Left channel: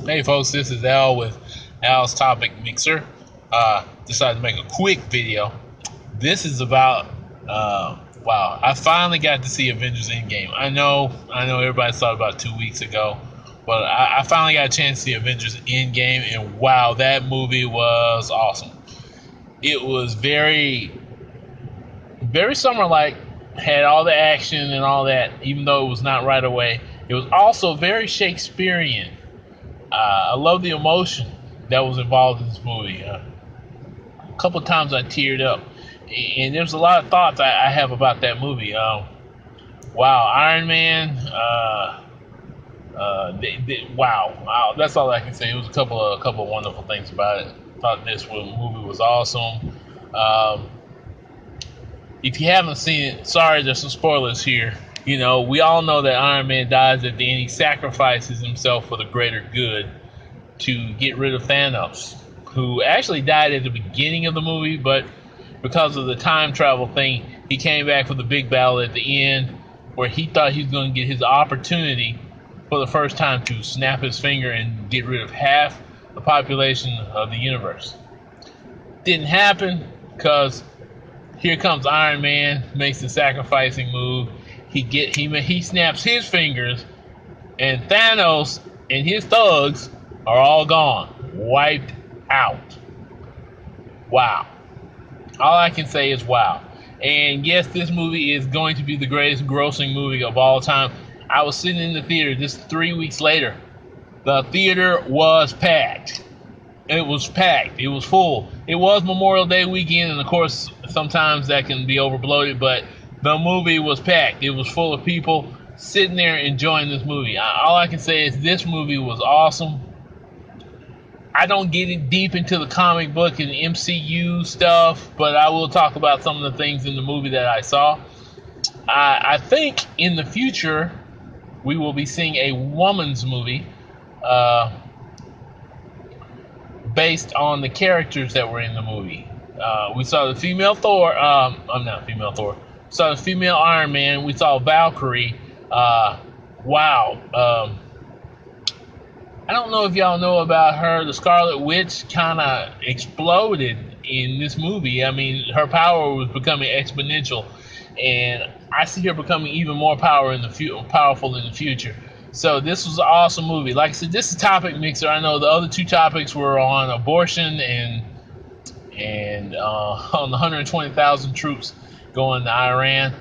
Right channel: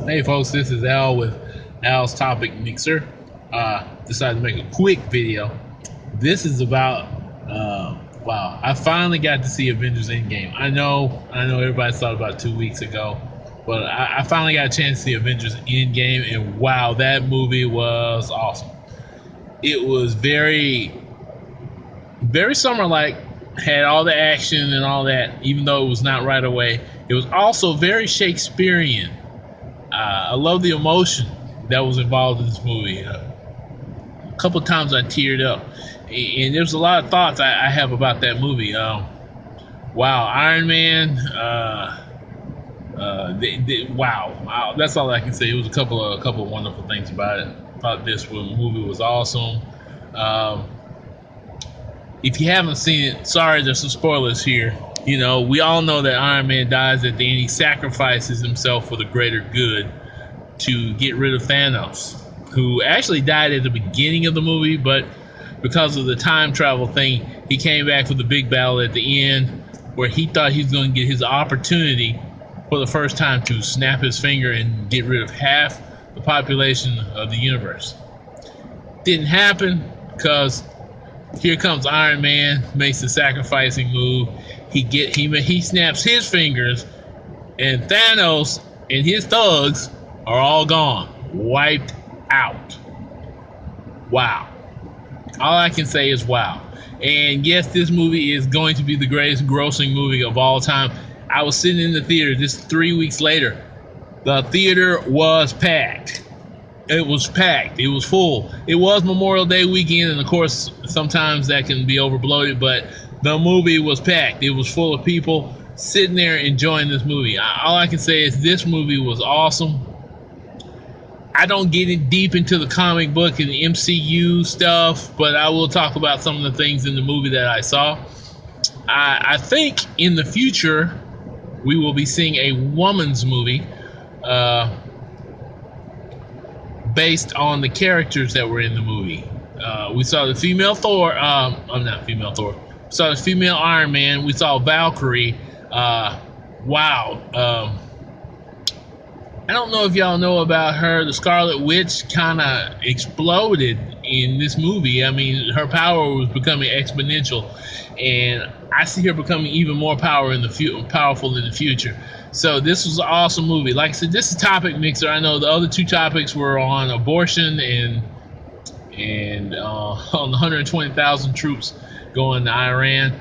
Hey folks, this is Al with Al's Topic Mixer. Decided to make a quick video. This is about wow, I finally got to see Avengers Endgame. I know everybody saw it about 2 weeks ago, but I finally got a chance to see Avengers Endgame, and wow, that movie was awesome. It was very summer like, had all the action and all that, even though it was not right away. It was also very Shakespearean. I love the emotion that was involved in this movie. A couple of times I teared up, and there's a lot of thoughts I have about that movie. Wow, Iron Man. Wow, that's all I can say. It was a couple of wonderful things about it. Thought this movie was awesome. Um, if you haven't seen it, sorry, there's some spoilers here. You know, we all know that Iron Man dies at the end. He sacrifices himself for the greater good to get rid of Thanos, who actually died at the beginning of the movie, but because of the time travel thing, he came back for the big battle at the end where he thought he was going to get his opportunity for the first time to snap his finger and get rid of half the population of the universe. Didn't happen because here comes Iron Man, makes the sacrificing move. He snaps his fingers, and Thanos and his thugs are all gone, wiped out. Wow. All I can say is wow. And yes, this movie is going to be the greatest grossing movie of all time. I was sitting in the theater just 3 weeks later. The theater was packed. It was packed. It was full. It was Memorial Day weekend, and of course, sometimes that can be overbloated, but the movie was packed. It was full of people sitting there enjoying this movie. All I can say is this movie was awesome. I don't get it deep into the comic book and the MCU stuff, but I will talk about some of the things in the movie that I saw. I think in the future we will be seeing a woman's movie based on the characters that were in the movie. We saw the female Thor. I'm not female Thor. We saw the female Iron Man. We saw Valkyrie. Wow. I don't know if y'all know about her. The Scarlet Witch kind of exploded in this movie. I mean, her power was becoming exponential, and I see her becoming even more powerful in the future. So this was an awesome movie. Like I said, this is a topic mixer. I know the other two topics were on abortion and on the 120,000 troops going to Iran.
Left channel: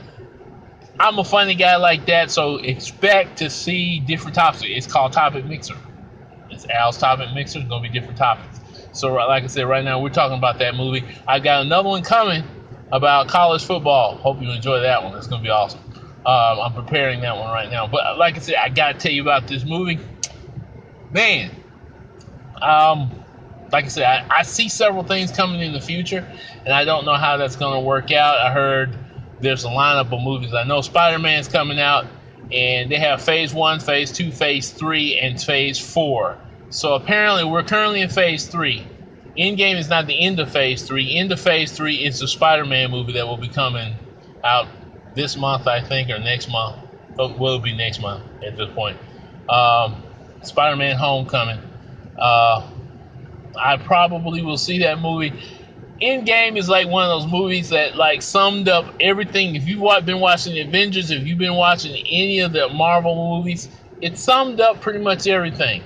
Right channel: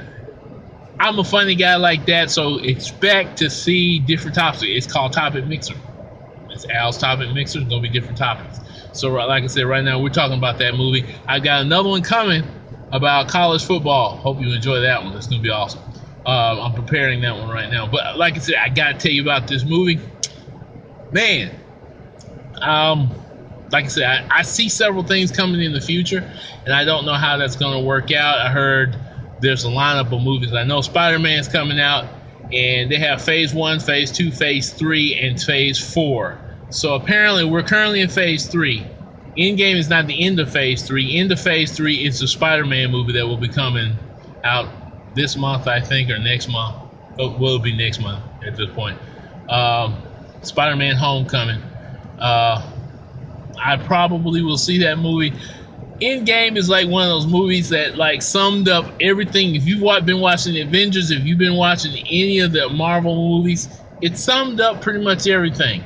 I'm a funny guy like that, so expect to see different topics. It's called Topic Mixer. It's Al's Topic Mixer. It's going to be different topics. So like I said, right now we're talking about that movie. I've got another one coming about college football. Hope you enjoy that one. It's going to be awesome. I'm preparing that one right now. But like I said, I got to tell you about this movie. Man, like I said, I see several things coming in the future, and I don't know how that's going to work out. I heard there's a lineup of movies. I know Spider-Man's coming out, and they have Phase 1, Phase 2, Phase 3, and Phase 4. So apparently we're currently in Phase 3. Endgame is not the end of Phase 3. End of Phase 3 is the Spider-Man movie that will be coming out this month, I think, or next month. Oh, well, it'll be next month at this point. Spider-Man Homecoming. I probably will see that movie. Endgame is like one of those movies that like summed up everything. If you've been watching the Avengers, if you've been watching any of the Marvel movies, it summed up pretty much everything.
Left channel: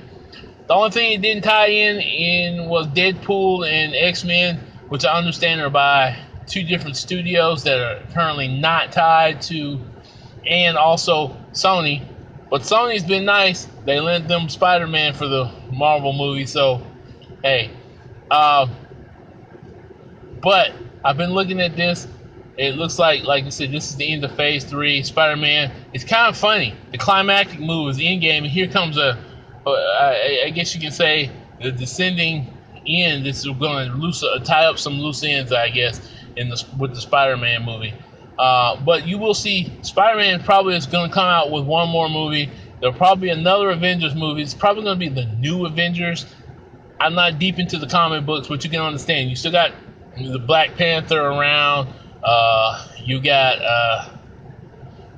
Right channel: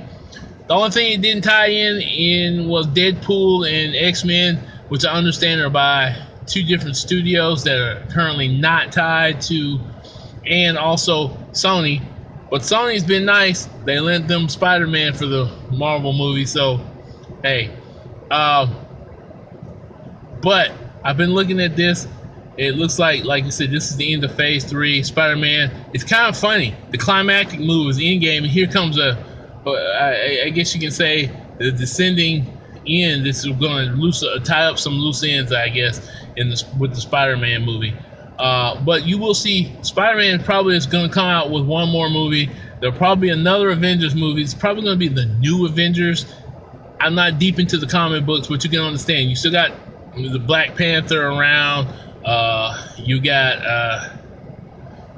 The only thing it didn't tie in was Deadpool and X-Men, which I understand are by two different studios that are currently not tied to, and also Sony. But Sony's been nice. They lent them Spider-Man for the Marvel movie, so hey. But I've been looking at this. It looks like you said, this is the end of Phase 3. Spider-Man. It's kind of funny. The climactic move is Endgame, and here comes I guess you can say, the descending end. This is going to tie up some loose ends, I guess, with the Spider-Man movie. But you will see Spider-Man probably is going to come out with one more movie. There'll probably be another Avengers movie. It's probably going to be the new Avengers. I'm not deep into the comic books, but you can understand. You still got the Black Panther around. You got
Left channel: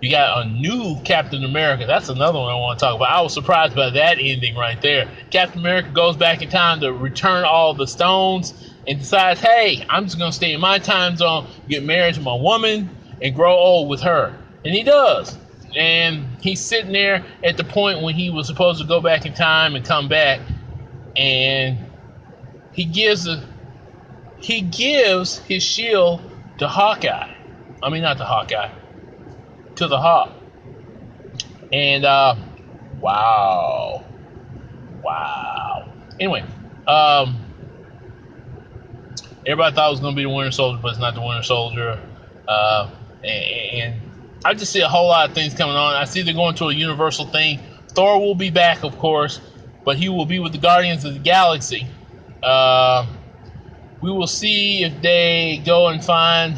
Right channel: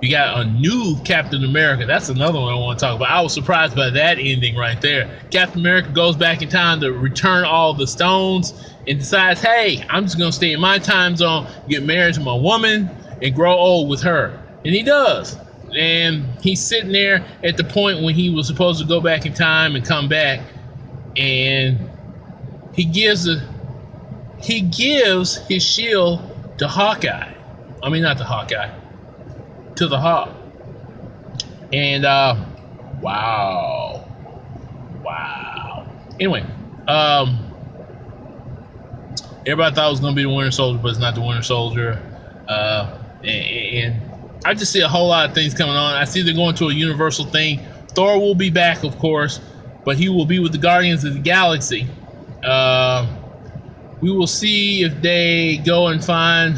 You got a new Captain America. That's another one I want to talk about. I was surprised by that ending right there. Captain America goes back in time to return all the stones and decides, hey, I'm just going to stay in my time zone, get married to my woman, and grow old with her. And he does. And he's sitting there at the point when he was supposed to go back in time and come back. And he gives his shield to Hawkeye. I mean, not to Hawkeye. To the Hawk. And wow. Anyway, everybody thought it was gonna be the Winter Soldier, but it's not the Winter Soldier. And I just see a whole lot of things coming on. I see they're going to a Universal thing. Thor will be back, of course, but he will be with the Guardians of the Galaxy. We will see if they go and find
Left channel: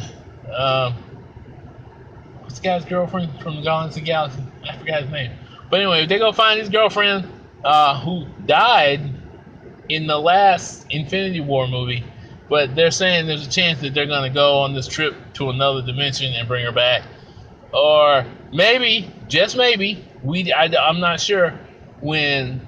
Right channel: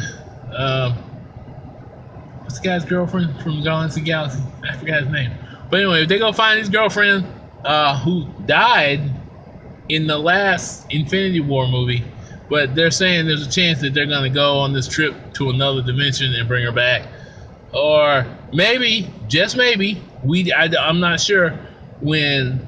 what's the guy's girlfriend from Guardians of the Galaxy? I forgot his name. But anyway, if they go find his girlfriend who died in the last Infinity War movie, but they're saying there's a chance that they're going to go on this trip to another dimension and bring her back. Or maybe, just maybe, I'm not sure, when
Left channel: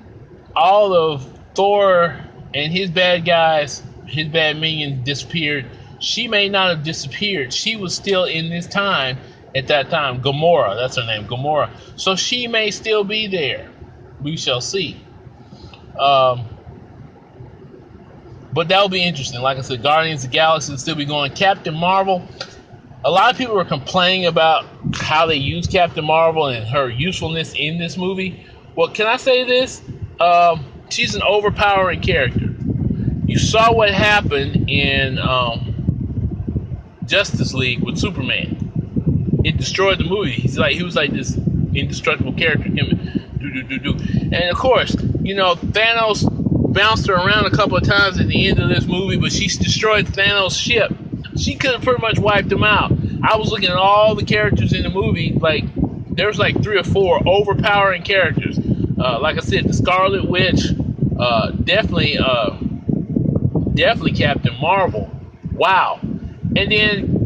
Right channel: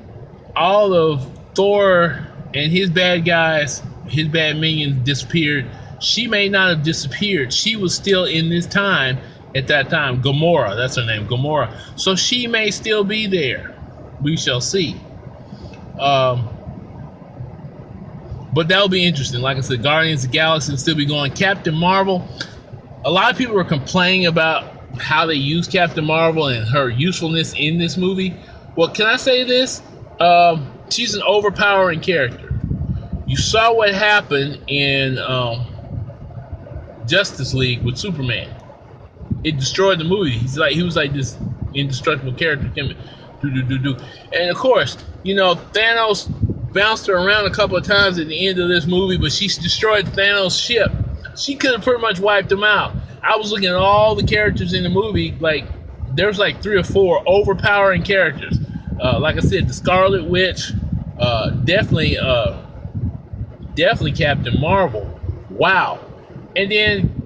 all of Thor and his bad guys, his bad minions disappeared, she may not have disappeared. She was still in this time at that time. Gamora, that's her name, Gamora. So she may still be there. We shall see. But that'll be interesting. Like I said, Guardians of the Galaxy will still be going. Captain Marvel, a lot of people were complaining about how they use Captain Marvel and her usefulness in this movie. Well, can I say this? She's an overpowering character. You saw what happened in Justice League with Superman. It destroyed the movie. He was like this indestructible character. And of course, Thanos bounced her around a couple of times at the end of this movie, but she destroyed Thanos' ship. She could have pretty much wiped him out. I was looking at all the characters in the movie, there's 3 or 4 overpowering characters. Like I said, the Scarlet Witch, definitely Captain Marvel. Wow. And then,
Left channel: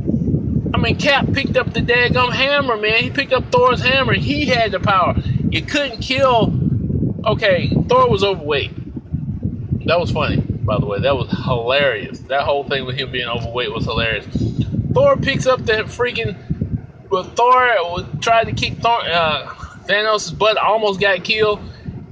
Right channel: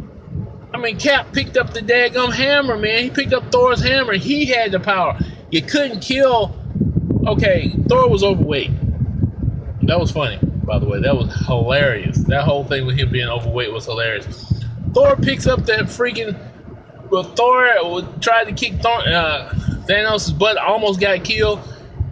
Cap picked up the daggum hammer, man. He picked up Thor's hammer. He had the power. You couldn't kill. Okay, Thor was overweight. That was funny, by the way. That was hilarious. That whole thing with him being overweight was hilarious. Thor picks up that freaking. But Thor tried to kick Thanos' butt, almost got killed.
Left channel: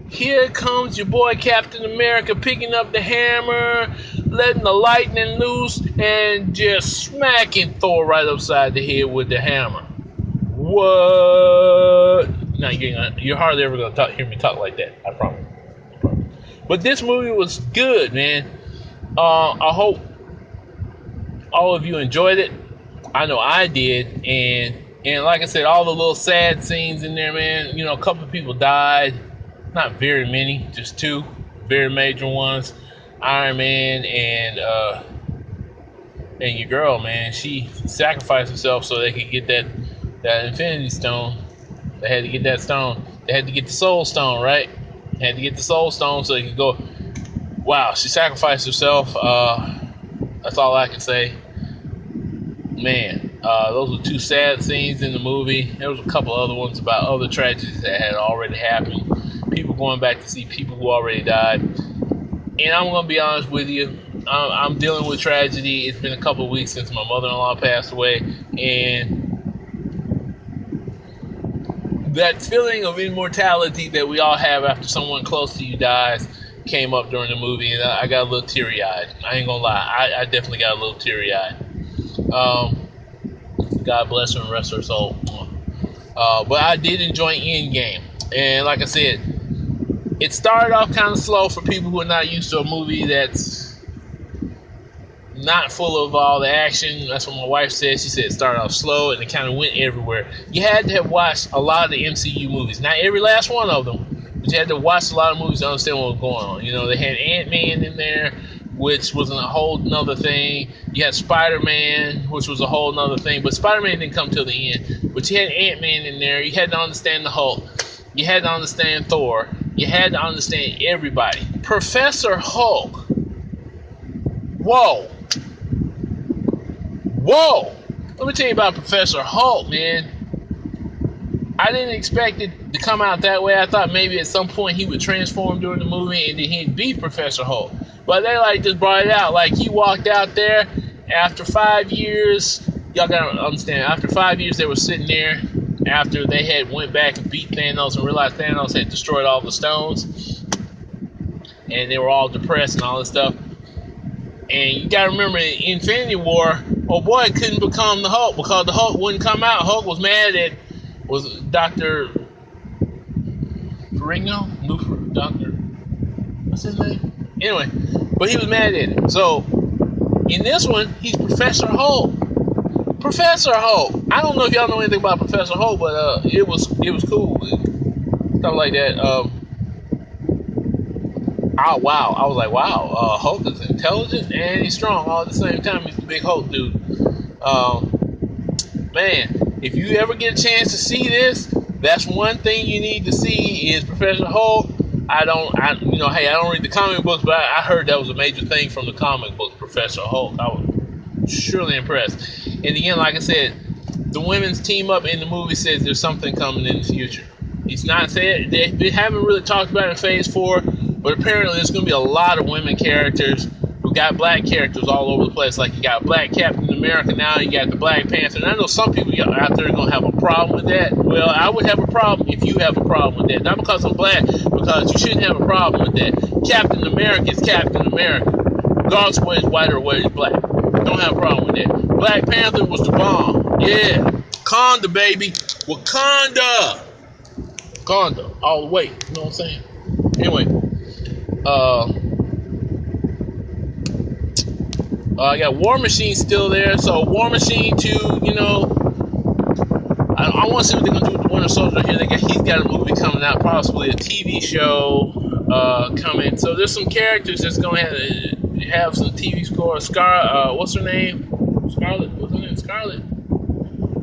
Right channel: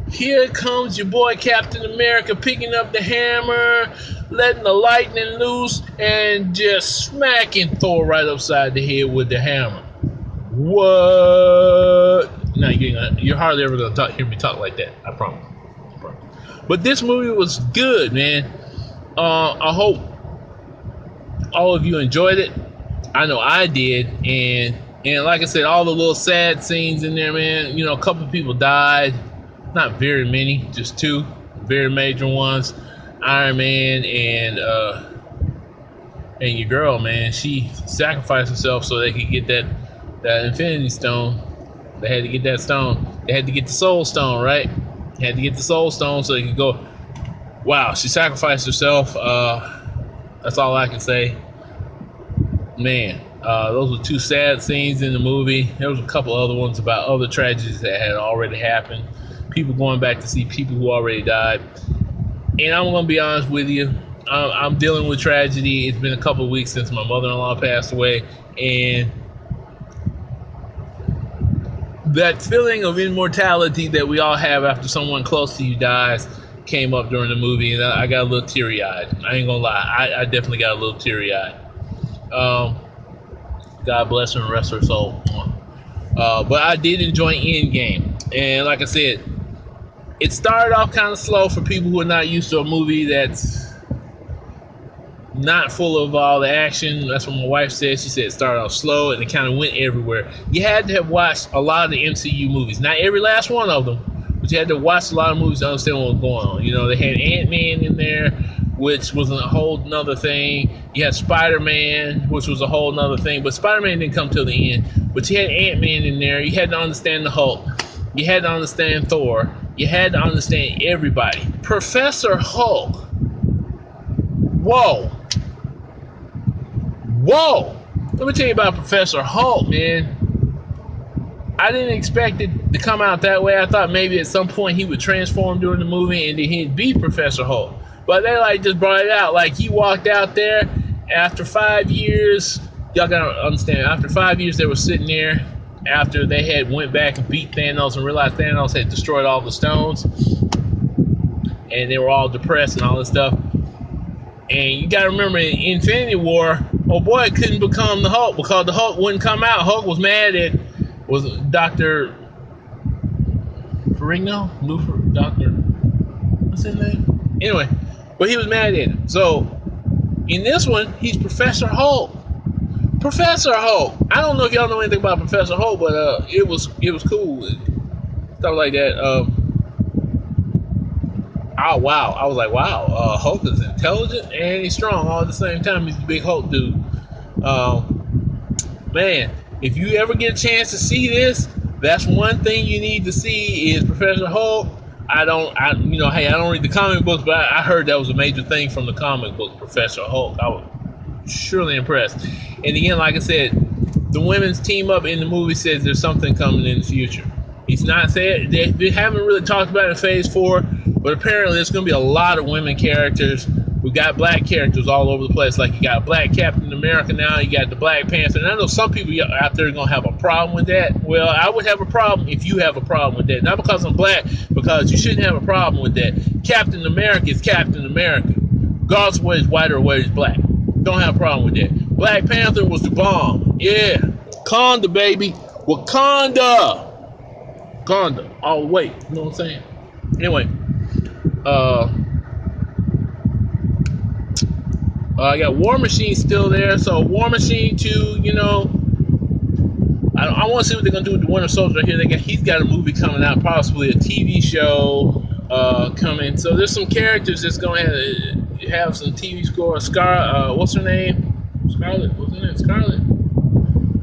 Here comes your boy Captain America picking up the hammer, letting the lightning loose, and just smacking Thor right upside the head with the hammer. What? Now you're hardly ever gonna hear me talk like that. I promise. But this movie was good, man. I hope all of you enjoyed it. I know I did, and like I said, all the little sad scenes in there, man. A couple of people died. Not very many, just 2 very major ones. Iron Man and your girl, man. She sacrificed herself so they could get that Infinity Stone. They had to get that stone. They had to get the Soul Stone, right? They had to get the Soul Stone so they could go. Wow, she sacrificed herself. That's all I can say. Man, those were 2 sad scenes in the movie. There was a couple other ones about other tragedies that had already happened. People going back to see people who already died. And I'm going to be honest with you. I'm dealing with tragedy. It's been a couple of weeks since my mother-in-law passed away. And that feeling of immortality that we all have after someone close to you dies came up during the movie. And I got a little teary-eyed. I ain't going to lie. I definitely got a little teary-eyed. God bless her and rest her soul. But I did enjoy Endgame. And like I said, it started off kind of slow for people who are not used to a movie that's not full of all the action. That's what my wife said. She said it started off slow and it kind of went everywhere. You had to have watched a lot of the MCU movies. Not every last one of them, but you had to watch a lot of movies to understand what was going on. They had Ant-Man in there, which was a whole nother thing. You had Spider-Man, which was a whole nother thing. But Spider-Man didn't come till the end. But you had Ant-Man in there. You had to understand the Hulk. You had to understand Thor. You had to understand everybody. Professor Hulk. Whoa. Let me tell you about Professor Hulk, man. I didn't expect it to come out that way. I thought maybe at some point he would transform during the movie and then he'd be Professor Hulk. But they like just brought it out. Like he walked out there after 5 years. Y'all gotta understand. After 5 years, they were sitting there after they had went back and beat Thanos and realized Thanos had destroyed all the stones, and they were all depressed and all this stuff. And you gotta remember, in Infinity War, oh boy couldn't become the Hulk because the Hulk wouldn't come out. Hulk was mad at Dr. Ferrigno? Dr. What's his name? Anyway, but he was mad at him. So in this one, he's Professor Hulk. Professor Hulk. I don't know if y'all know anything about Professor Hulk, but it was cool. Stuff like that. Oh wow. I was like, wow, Hulk is intelligent and he's strong all at the same time. He's the big Hulk dude. Man, if you ever get a chance to see this, that's one thing you need to see is Professor Hulk. Hey, I don't read the comic books, but I heard that was a major thing from the comic book, Professor Hulk. I was surely impressed. And again, like I said, the women's team up in the movie says there's something coming in the future. He's not said, they haven't really talked about it in Phase 4, but apparently there's going to be a lot of women characters. We got black characters all over the place. Like you got Black Captain America now, you got the Black Panther. And I know some people out there are going to have a problem with that. Well, I would have a problem if you have a problem with that. Not because I'm black, because you shouldn't have a problem with that. Captain America is Captain America, regardless of whether he's white or whether he's black. Don't have a problem with that. Black Panther was the bomb. Yeah. Wakanda, baby. Wakanda all the way. You know what I'm saying? Anyway, I got War Machine still there. So War Machine 2, I want to see what they're going to do with the Winter Soldier here. He's got a movie coming out, possibly a TV show coming. So there's some characters that's going to have some TV score. What's her name? Scarlet. What's her name? Scarlet.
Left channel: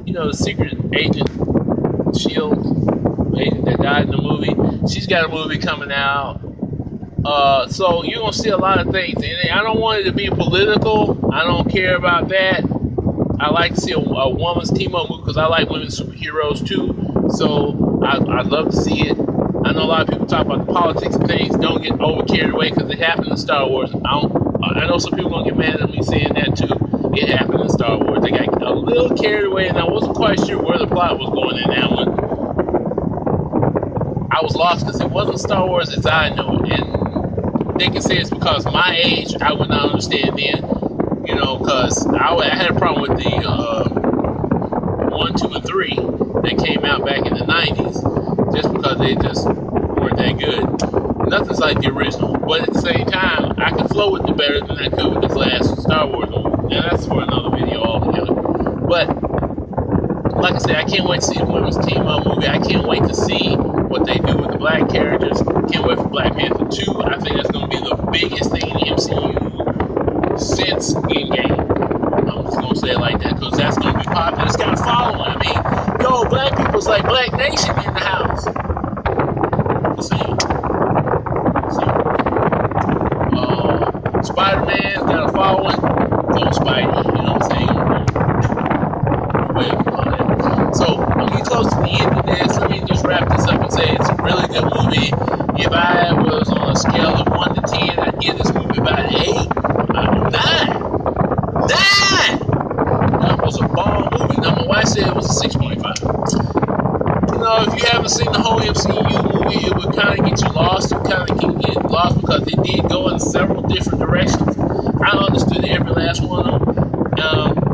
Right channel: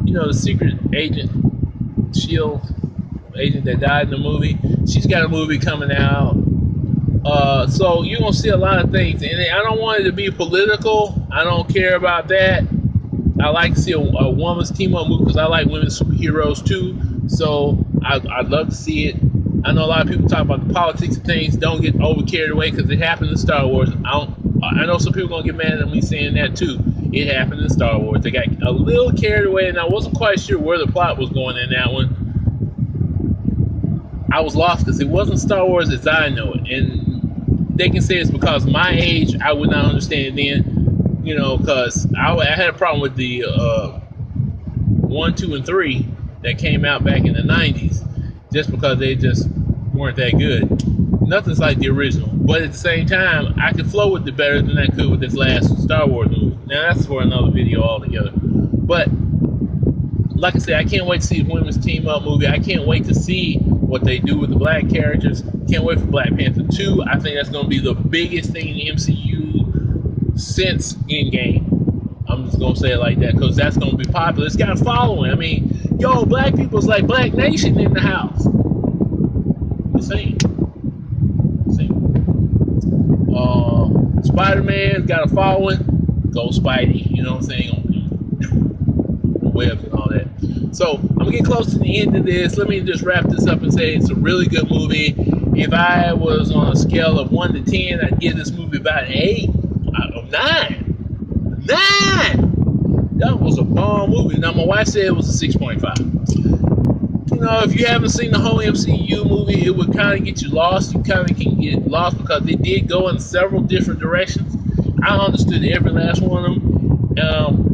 The secret agent, SHIELD agent that died in the movie. She's got a movie coming out. So you're going to see a lot of things. And I don't want it to be political. I don't care about that. I like to see a woman's team-up movie because I like women superheroes too. So I'd love to see it. I know a lot of people talk about the politics and things. Don't get over carried away because it happened in Star Wars. I know some people are going to get mad at me saying that too. It happened in Star Wars. They got a little carried away, and I wasn't quite sure where the plot was going in that one. I was lost because it wasn't Star Wars as I know it. And they can say it's because my age, I would not understand then, because I had a problem with the 1, 2, and 3 that came out back in the 90s, just because they just weren't that good. Nothing's like the original. But at the same time, I can flow with it better than I could with this last Star Wars movie. Now, that's for another video altogether. But, like I said, I can't wait to see the women's team-up movie. I can't wait to see what they do with the black characters. Can't wait for Black Panther 2. I think that's going to be the biggest thing in the MCU since Endgame. I'm just going to say it like that because that's going to be popular. It's got a following. I mean, black people's like Black Nation in the house. The same. Spider-Man's got a following. Go Spidey, you know what I'm saying? So I'm getting close to the end of this. Let me just wrap this up and say it's a really good movie. If I was on a scale of 1 to 10, I'd give this movie about an 8. 9. That was a bomb movie. Now my wife said it was a 6.5. If you haven't seen the whole MCU movie, it would kind of get you lost. You kind of can get lost because they did go in several different directions. I understood every last one of them.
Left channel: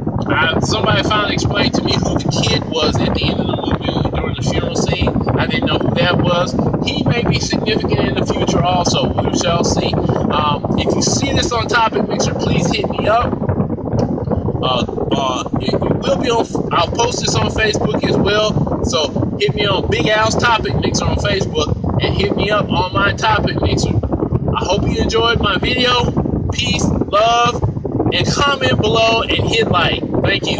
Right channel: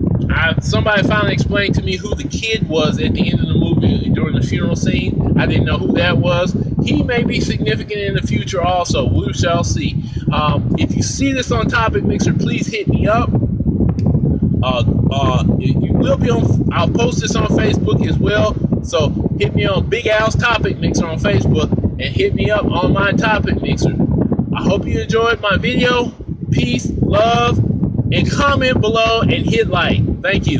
Somebody finally explained to me who the kid was at the end of the movie during the funeral scene. I didn't know who that was. He may be significant in the future also. We shall see. If you see this on Topic Mixer, please hit me up. It will be on. I'll post this on Facebook as well. So hit me on Big Al's Topic Mixer on Facebook and hit me up on my Topic Mixer. I hope you enjoyed my video. Peace, love, and comment below and hit like. Thank you.